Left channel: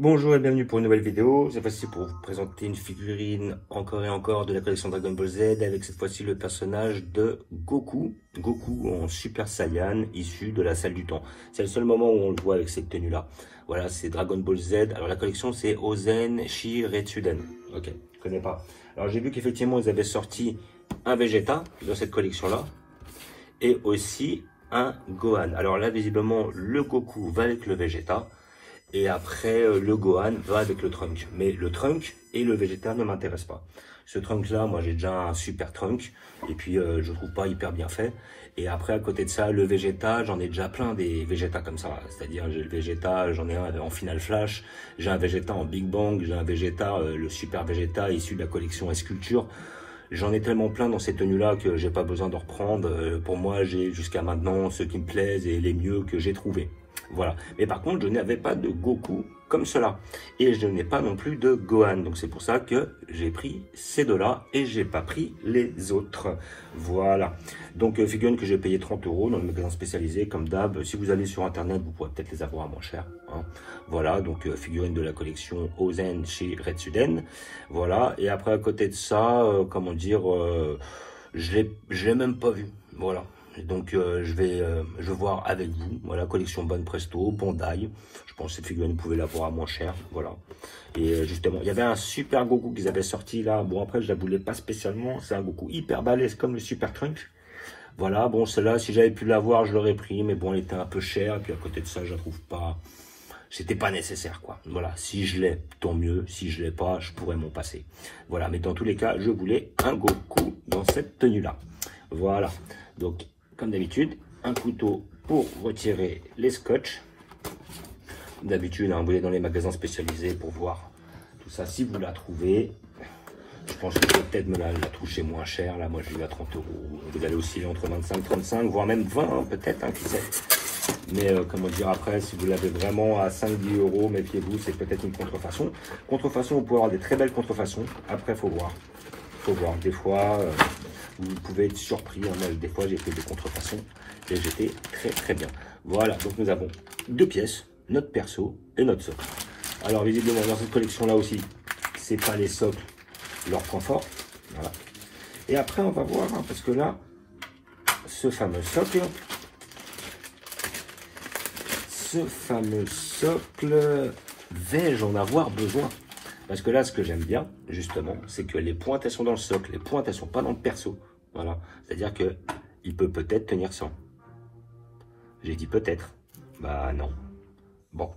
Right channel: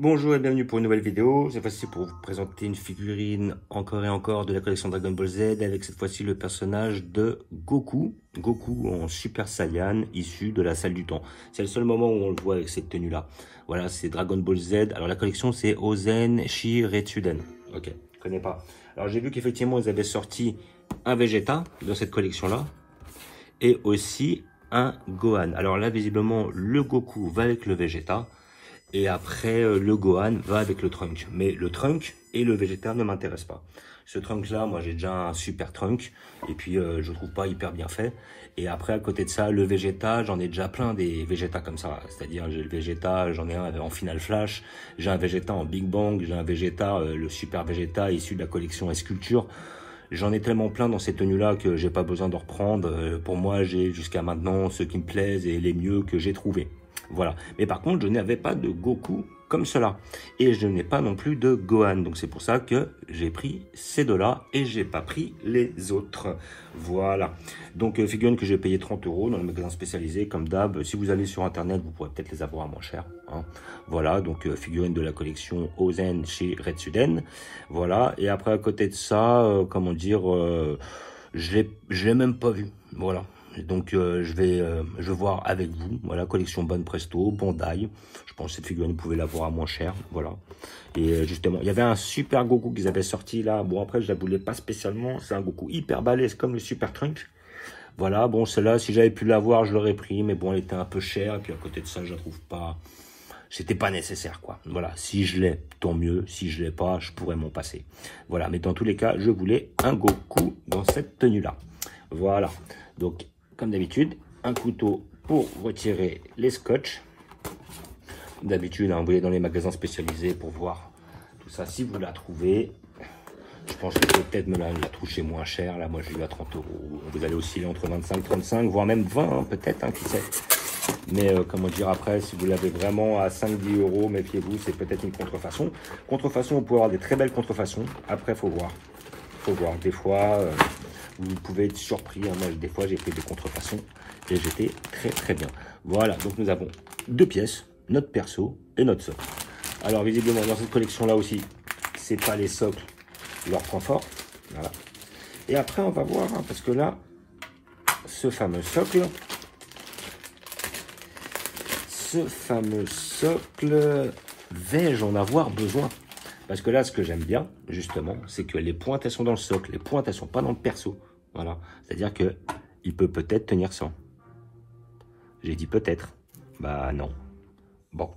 Bonjour et bienvenue pour une nouvelle vidéo. Cette fois-ci pour vous présenter une figurine encore et encore de la collection Dragon Ball Z avec cette fois-ci le personnage de Goku. Goku en Super Saiyan issu de la salle du temps. C'est le seul moment où on le voit avec cette tenue-là. Voilà, c'est Dragon Ball Z. Alors la collection c'est Ozen Shiretsuden. Ok, je connais pas. Alors j'ai vu qu'effectivement ils avaient sorti un Vegeta dans cette collection-là et aussi un Gohan. Alors là visiblement le Goku va avec le Vegeta. Et après, le Gohan va avec le Trunk. Mais le Trunk et le Vegeta ne m'intéressent pas. Ce Trunk-là, moi, j'ai déjà un super Trunk. Et puis, je trouve pas hyper bien fait. Et après, à côté de ça, le Vegeta, j'en ai déjà plein des Vegeta comme ça. C'est-à-dire, j'ai le Vegeta, j'en ai un en Final Flash. J'ai un Vegeta en Big Bang. J'ai un Vegeta, le super Vegeta issu de la collection S-Culture. J'en ai tellement plein dans ces tenues-là que j'ai pas besoin de reprendre. Pour moi, j'ai jusqu'à maintenant ceux qui me plaisent et les mieux que j'ai trouvés. Voilà. Mais par contre, je n'avais pas de Goku comme cela. Et je n'ai pas non plus de Gohan. Donc c'est pour ça que j'ai pris ces deux-là et j'ai pas pris les autres. Voilà. Donc figurines que j'ai payé 30 € dans le magasin spécialisé. Comme d'hab, si vous allez sur internet, vous pourrez peut-être les avoir à moins cher. Hein. Voilà. Donc figurines de la collection Ozen chez Retsuden. Voilà. Et après, à côté de ça, comment dire, je l'ai même pas vu. Voilà. Donc je vais voir avec vous. Voilà, collection Bonne Presto, Bandai. Je pense que cette figurine, vous pouvez l'avoir à moins cher. Voilà. Et justement, il y avait un super Goku qu'ils avaient sorti là. Bon, après, je la voulais pas spécialement. C'est un Goku hyper balèze comme le Super Trunk. Voilà, bon, celle-là, si j'avais pu l'avoir, je l'aurais pris. Mais bon, elle était un peu chère. Puis à côté de ça, je la trouve pas. C'était pas nécessaire, quoi. Voilà, si je l'ai, tant mieux. Si je l'ai pas, je pourrais m'en passer. Voilà, mais dans tous les cas, je voulais un Goku dans cette tenue-là. Voilà. Donc, comme d'habitude, un couteau pour retirer les scotch. D'habitude, hein, vous allez dans les magasins spécialisés pour voir tout ça. Si vous la trouvez, je pense que peut-être me la toucher moins cher. Là, moi, je l'ai eu à 30 €. Vous allez osciller entre 25, 35, voire même 20, hein, peut-être, hein, qui sait. Mais comment dire, après, si vous l'avez vraiment à 5-10 €, méfiez-vous, c'est peut-être une contrefaçon. Contrefaçon, vous pouvez avoir des très belles contrefaçons. Après, il faut voir. Faut voir. Des fois, vous pouvez être surpris. Hein. Des fois, j'ai fait des contrefaçons et j'étais très bien. Voilà, donc nous avons deux pièces, notre perso et notre socle. Alors, visiblement, dans cette collection-là aussi, c'est pas les socles leur point fort. Voilà. Et après, on va voir, hein, parce que là, ce fameux socle, vais-je en avoir besoin? Parce que là, ce que j'aime bien, justement, c'est que les pointes, elles sont dans le socle. Les pointes, elles sont pas dans le perso. Voilà. C'est-à-dire que il peut peut-être tenir sans. J'ai dit peut-être. Bah non. Bon.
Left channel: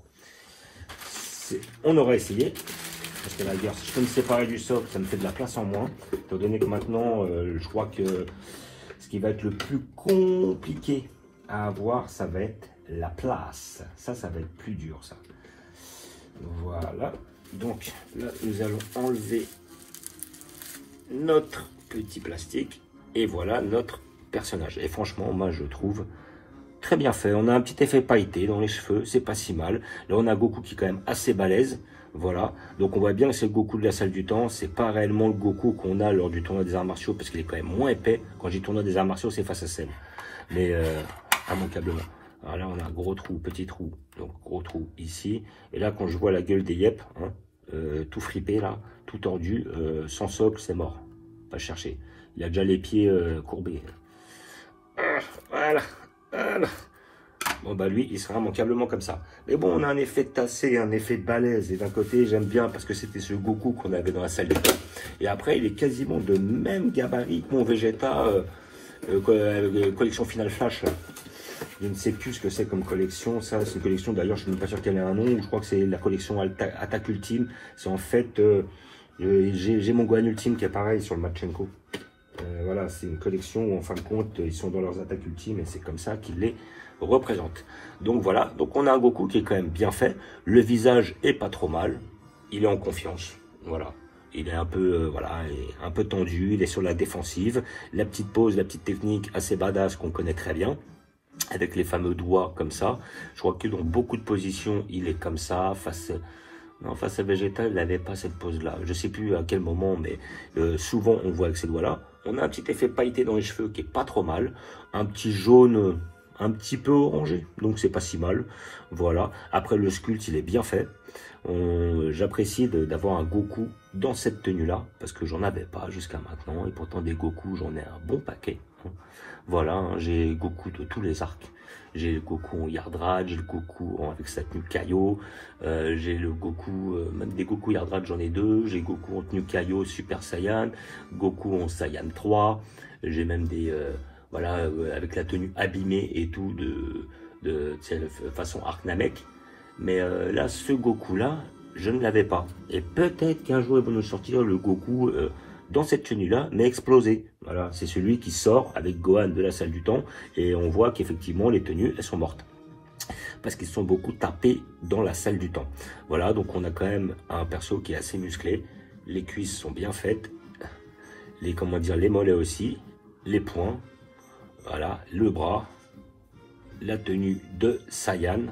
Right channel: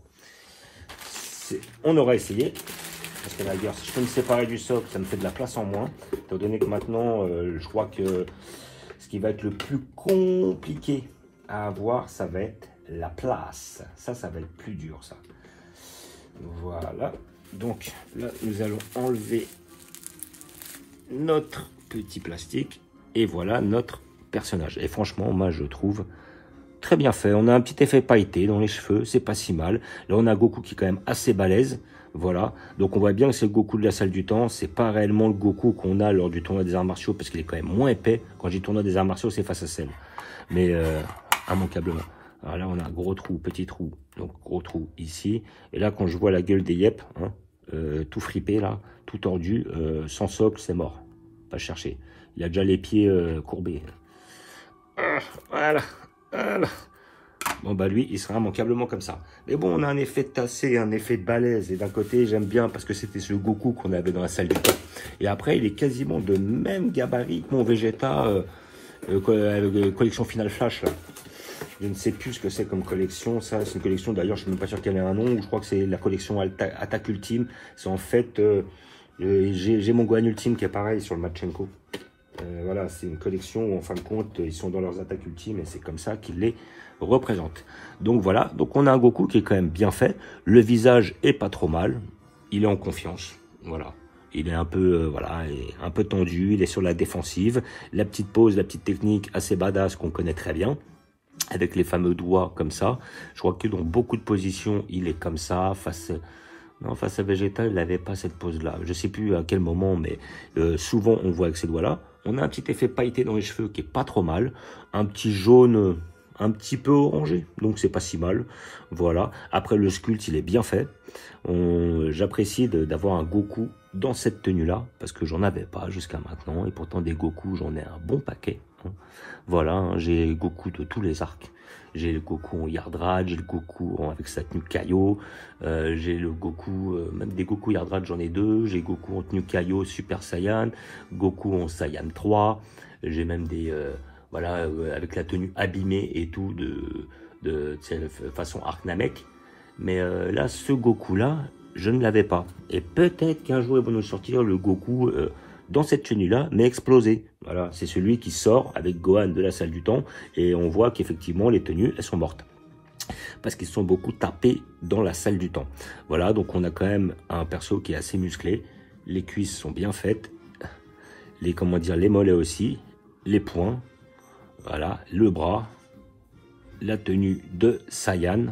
On aura essayé. Parce que là, si je peux me séparer du socle, ça me fait de la place en moins. Étant donné que maintenant, je crois que ce qui va être le plus compliqué à avoir, ça va être la place. Ça va être plus dur, ça. Voilà. Donc là, nous allons enlever notre petit plastique et voilà notre personnage. Et franchement, moi, je trouve très bien fait. On a un petit effet pailleté dans les cheveux, c'est pas si mal. Là, on a Goku qui est quand même assez balèze. Voilà. Donc, on voit bien que c'est le Goku de la salle du temps. C'est pas réellement le Goku qu'on a lors du tournoi des arts martiaux parce qu'il est quand même moins épais. Quand j'ai tournoi des arts martiaux, c'est face à Cell. Mais immanquablement. Alors là, on a un gros trou, petit trou, donc gros trou ici. Et là, quand je vois la gueule des yep, hein, tout fripé là, tout tordu, sans socle, c'est mort. Pas chercher. Il a déjà les pieds courbés. Voilà, voilà. Bon bah lui, il sera immanquablement comme ça. Mais bon, on a un effet tassé, un effet balèze. Et d'un côté, j'aime bien parce que c'était ce Goku qu'on avait dans la salle du temps. Et après, il est quasiment de même gabarit que mon Vegeta collection Final Flash là. Je ne sais plus ce que c'est comme collection. Ça, c'est une collection, d'ailleurs, je ne suis même pas sûr qu'elle ait un nom. Je crois que c'est la collection Attaque Ultime. C'est en fait, j'ai mon Gohan Ultime qui est pareil sur le Machenko. Voilà, c'est une collection où, en fin de compte, ils sont dans leurs attaques ultimes et c'est comme ça qu'ils les représentent. Donc voilà, donc on a un Goku qui est quand même bien fait. Le visage est pas trop mal. Il est en confiance. Voilà. Il est un peu, voilà, un peu tendu. Il est sur la défensive. La petite pose, la petite technique assez badass qu'on connaît très bien. Avec les fameux doigts comme ça. Je crois que dans beaucoup de positions, il est comme ça. Face à Vegeta, il n'avait pas cette pose-là. Je ne sais plus à quel moment, mais souvent, on voit avec ces doigts-là. On a un petit effet pailleté dans les cheveux qui est pas trop mal. Un petit jaune un petit peu orangé, donc c'est pas si mal. Voilà. Après, le sculpte, il est bien fait. J'apprécie d'avoir un Goku dans cette tenue-là, parce que j'en avais pas jusqu'à maintenant, et pourtant des Goku, j'en ai un bon paquet. Hein. Voilà, hein, j'ai Goku de tous les arcs. J'ai le Goku en Yardrad, j'ai le Goku avec sa tenue Kaio, j'ai le Goku, même des Goku Yardrad, j'en ai deux. J'ai Goku en tenue Kaio Super Saiyan, Goku en Saiyan 3, j'ai même des, voilà, avec la tenue abîmée et tout, de façon Arc Namek. Mais là, ce Goku-là, je ne l'avais pas. Et peut-être qu'un jour, ils vont nous sortir le Goku dans cette tenue-là, mais explosé. Voilà, c'est celui qui sort avec Gohan de la salle du temps. Et on voit qu'effectivement, les tenues, elles sont mortes. Parce qu'ils sont beaucoup tapés dans la salle du temps. Voilà, donc on a quand même un perso qui est assez musclé. Les cuisses sont bien faites. Les, comment dire, les mollets aussi. Les poings. Voilà, le bras. La tenue de Saiyan.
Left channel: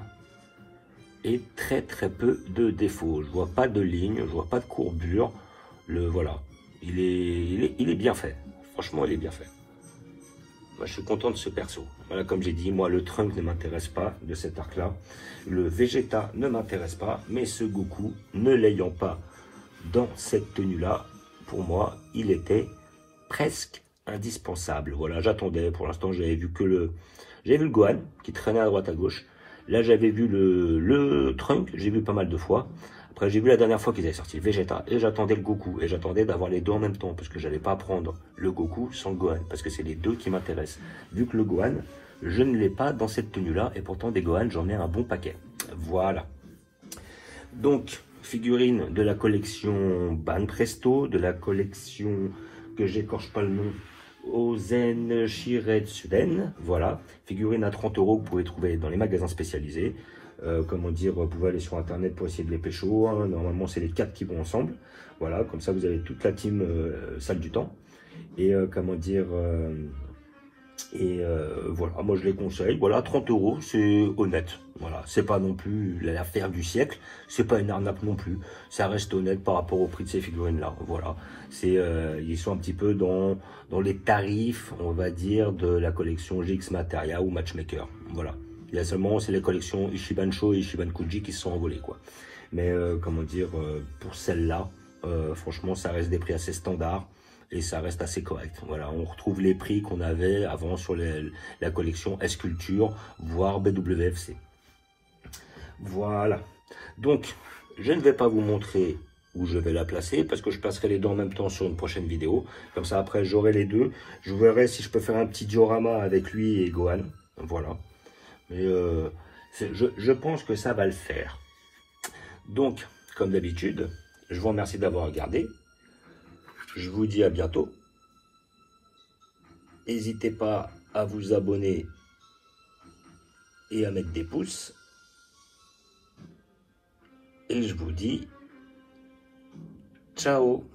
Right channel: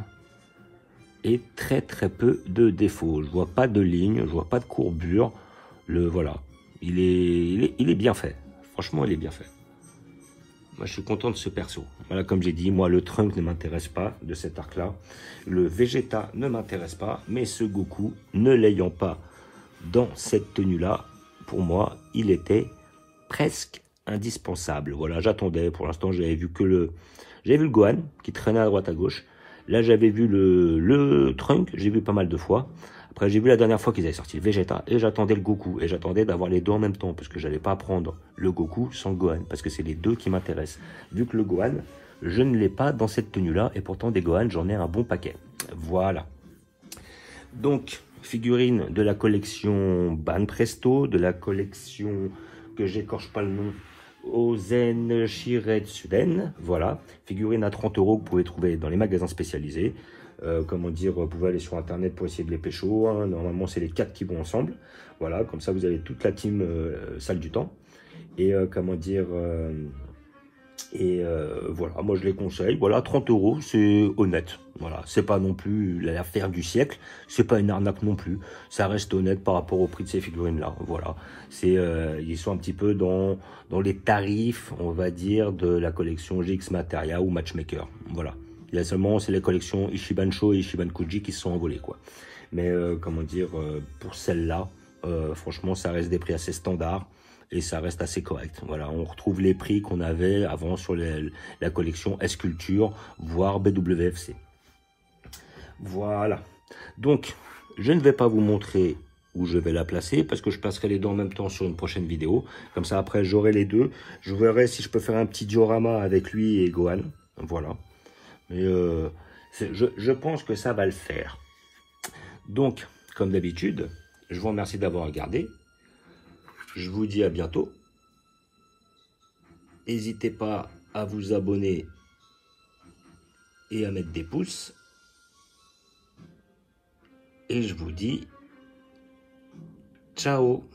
Et très peu de défauts. Je vois pas de ligne, je vois pas de courbure. Voilà, il est bien fait. Franchement, il est bien fait. Moi, je suis content de ce perso. Voilà, comme j'ai dit, moi, le Trunk ne m'intéresse pas de cet arc-là. Le Vegeta ne m'intéresse pas. Mais ce Goku, ne l'ayant pas dans cette tenue-là, pour moi, il était presque indispensable. Voilà, j'attendais. Pour l'instant, j'avais vu le Gohan qui traînait à droite à gauche. Là, j'avais vu le Trunk, j'ai vu pas mal de fois. Après, j'ai vu la dernière fois qu'ils avaient sorti Vegeta et j'attendais le Goku. Et j'attendais d'avoir les deux en même temps parce que j'allais pas prendre le Goku sans le Gohan parce que c'est les deux qui m'intéressent. Vu que le Gohan, je ne l'ai pas dans cette tenue-là et pourtant des Gohan, j'en ai un bon paquet. Voilà. Donc, figurine de la collection Ban Presto, de la collection que j'écorche pas le nom, Ozen Shiretsuren, voilà, figurine à 30 € que vous pouvez trouver dans les magasins spécialisés. Comment dire, vous pouvez aller sur internet pour essayer de les pécho, hein. Normalement c'est les 4 qui vont ensemble, voilà, comme ça vous avez toute la team salle du temps. Et comment dire, voilà, moi je les conseille, voilà, 30 €, c'est honnête, voilà, c'est pas non plus l'affaire du siècle, c'est pas une arnaque non plus, ça reste honnête par rapport au prix de ces figurines là, voilà, c'est ils sont un petit peu dans les tarifs, on va dire, de la collection GX Materia ou Matchmaker, voilà, il y a seulement, c'est les collections Ichiban Sho et Ichiban Kuji qui se sont envolées, quoi, mais comment dire, pour celle-là, franchement ça reste des prix assez standards. Et ça reste assez correct. Voilà, on retrouve les prix qu'on avait avant sur la collection S-Culture, voire BWFC. Voilà. Donc, je ne vais pas vous montrer où je vais la placer, parce que je placerai les deux en même temps sur une prochaine vidéo. Comme ça, après, j'aurai les deux. Je verrai si je peux faire un petit diorama avec lui et Gohan. Voilà. Mais je pense que ça va le faire. Donc, comme d'habitude, je vous remercie d'avoir regardé. Je vous dis à bientôt. N'hésitez pas à vous abonner et à mettre des pouces. Et je vous dis ciao.